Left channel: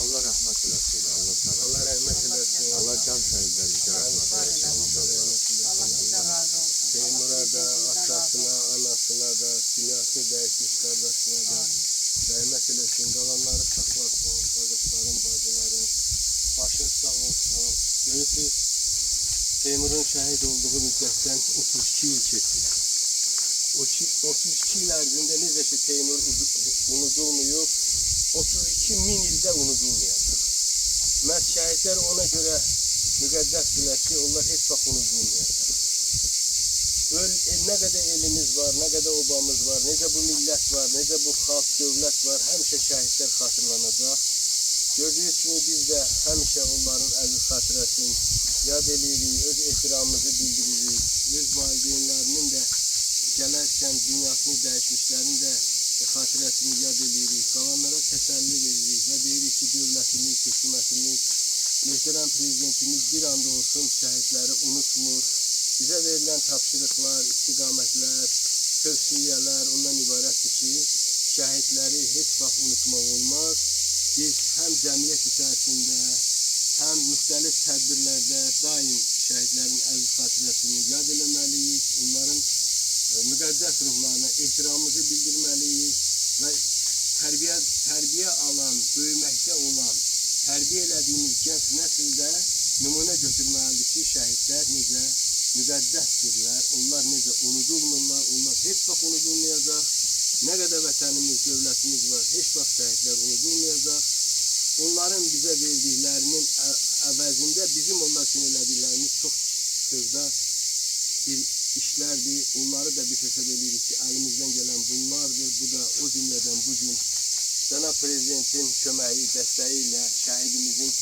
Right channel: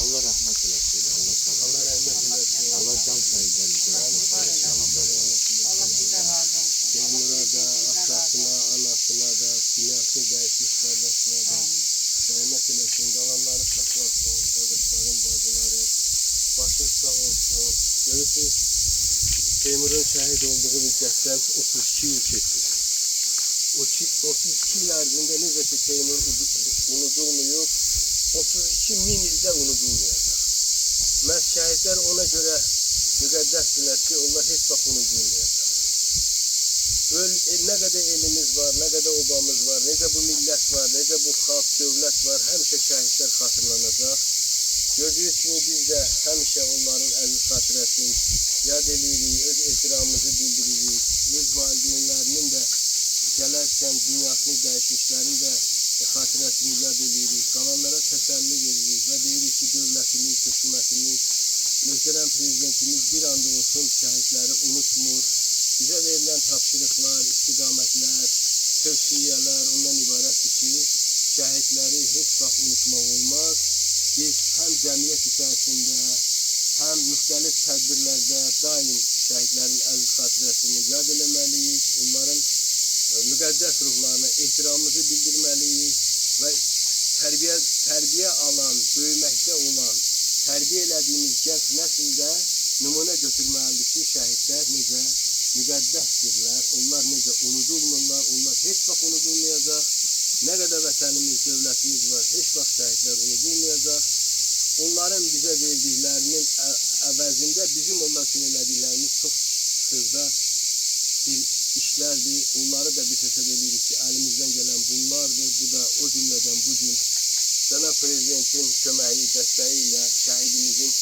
Allah rahmet eylesin. Allah rahmet eylesin. Allah can sahiplerimize rahmet eylesin. Allah sizden razı olsun. Teymur'a da, atasına, anasına da, dünyasını değişmiş kardeşine de rahmet eylesin. Kalanları saklasın. Kardeşlerim, bacılarım. Başın sağ olsun. Görürsünüz, Teymur'un şehit olduğu müddetten 32 yıl geçti. O 32 yıl ərzində necə ki Teymur unudulmuyor, 32 min ildə unudulmayacaq. Məhz şəhidlər ona görə müqəddəsdirlər ki, onlar heç vaxt unudulmayacaq. Nə qədər elimiz var, nə qədər obamız var, necə bu millət var, necə bu xalq, dövlət var, həmişə şəhidlər xatırlanacaq. Gördüyünüz kimi biz də həmişə onların əziz xatirəsini yad edirik, öz ehtiramımızı bildiririk, öz valideynlərinin də gələrkən dünyasını dəyişmişlərin də xatirəsini yad edirik, qalanlara təsəlli veririk və deyirik ki, dövlətimiz, hökumətimiz, möhtərəm prezidentimiz bir anda olsun şəhidləri unutmur. Bizə verilən tapşırıqlar, istiqamətlər, tövsiyələr ondan ibarətdir ki, şəhidləri heç vaxt unutmaq olmaz. Biz həm cəmiyyət içərisində, həm müxtəlif tədbirlərdə daim şəhidlərin əziz xatirəsini yad eləməliyik, onların müqəddəs ruhlarına ehtiramımızı bildirməliyik və tərbiyə alan, böyüməkdə olan, tərbiyə elədiyimiz gənc nəsildə nümunə götürməlidir ki, şəhidlər necə müqəddəsdirlər, onlar necə unudulmurlar, onlar heç vaxt unudulmayacaq. Nə qədər vətənimiz, dövlətimiz var, heç vaxt şəhidlər unudulmayacaq. Onların bizə verdiklərinin əvəzində bizim onlar üçün elədiklərimiz çox xırda bir işlerdir. Onları da biz hesab edirik ki, elimizden gelen bunlardır. Bu da o cümleden bugün Cənab Prezidentin köməyi, dəstəyiyle şəhidimizin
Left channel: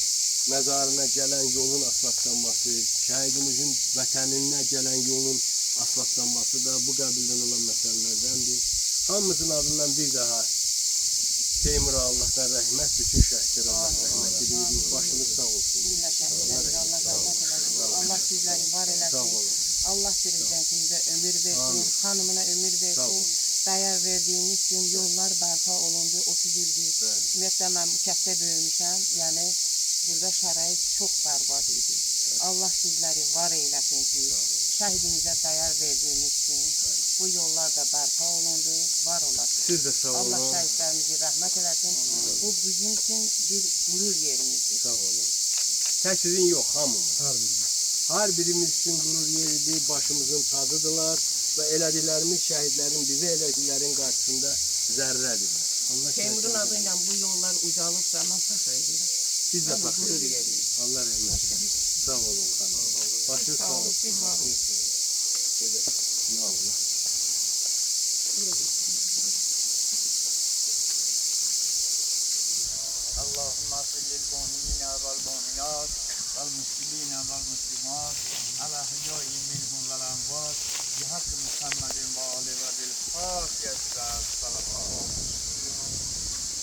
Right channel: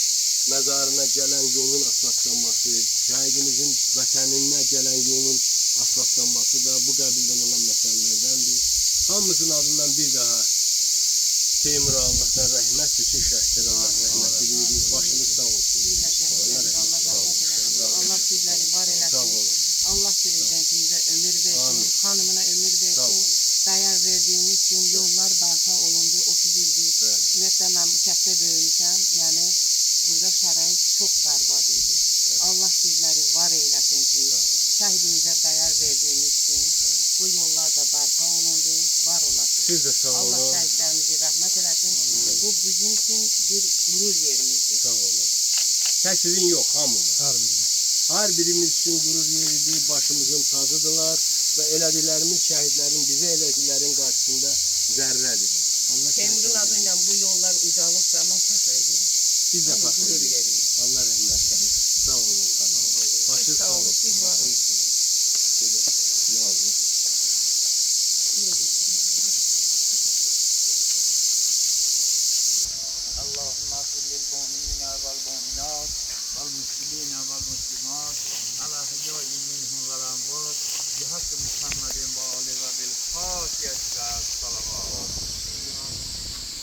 məzarına gelen yolun asfaltlanması, şəhidimizin vətəninə gelen yolun asfaltlanması da bu qəbildən olan məsələlərdəndir. Hamımızın adından bir daha Teymur'a Allah'tan rəhmət, bütün şəhidlərə Allah rəhmət edirik. Başımız sağ olsun. Allah rahmet eylesin. Allah sizleri var eylesin. Allah prezidentimize ömür versin, hanımına ömür versin. Dəyər verdiyiniz üçün yollar bərpa olundu, 30 ildir. Ümumiyyətlə mən bu kənddə böyümüşəm, yəni burada şərait çox bərbad idi. Allah sizləri var eyləsin ki, şəhidimizə dəyər verdiyiniz üçün bu yollar da bərpa olundu, var olasın. Siz de sağ olun. Allah şəhidlərimizi rəhmət eləsin. Bu bizim üçün bir qürur yerimizdir. Sağ olun. Tək sizin yox, hamımız. Her birimiz için gurur yeridir, başımızın tacıdırlar ve elədiklərimiz şəhidlərin, bizə elədiklərin qarşısında zərrədirlər. Teymur'un adıyla bu yollar ucalırsa mən fəxr edirəm. Biz de fəxr edirik. Allah rəhmət eylesin. Sağ olun. Başınız sağ olun. Siz var olun. Ya Allah. اللهم اغفر للمؤمنين والمؤمنات والمسلمين والمسلمات الأحياء منهم والأموات بحق محمد وآله وبالفاتحة والصلوات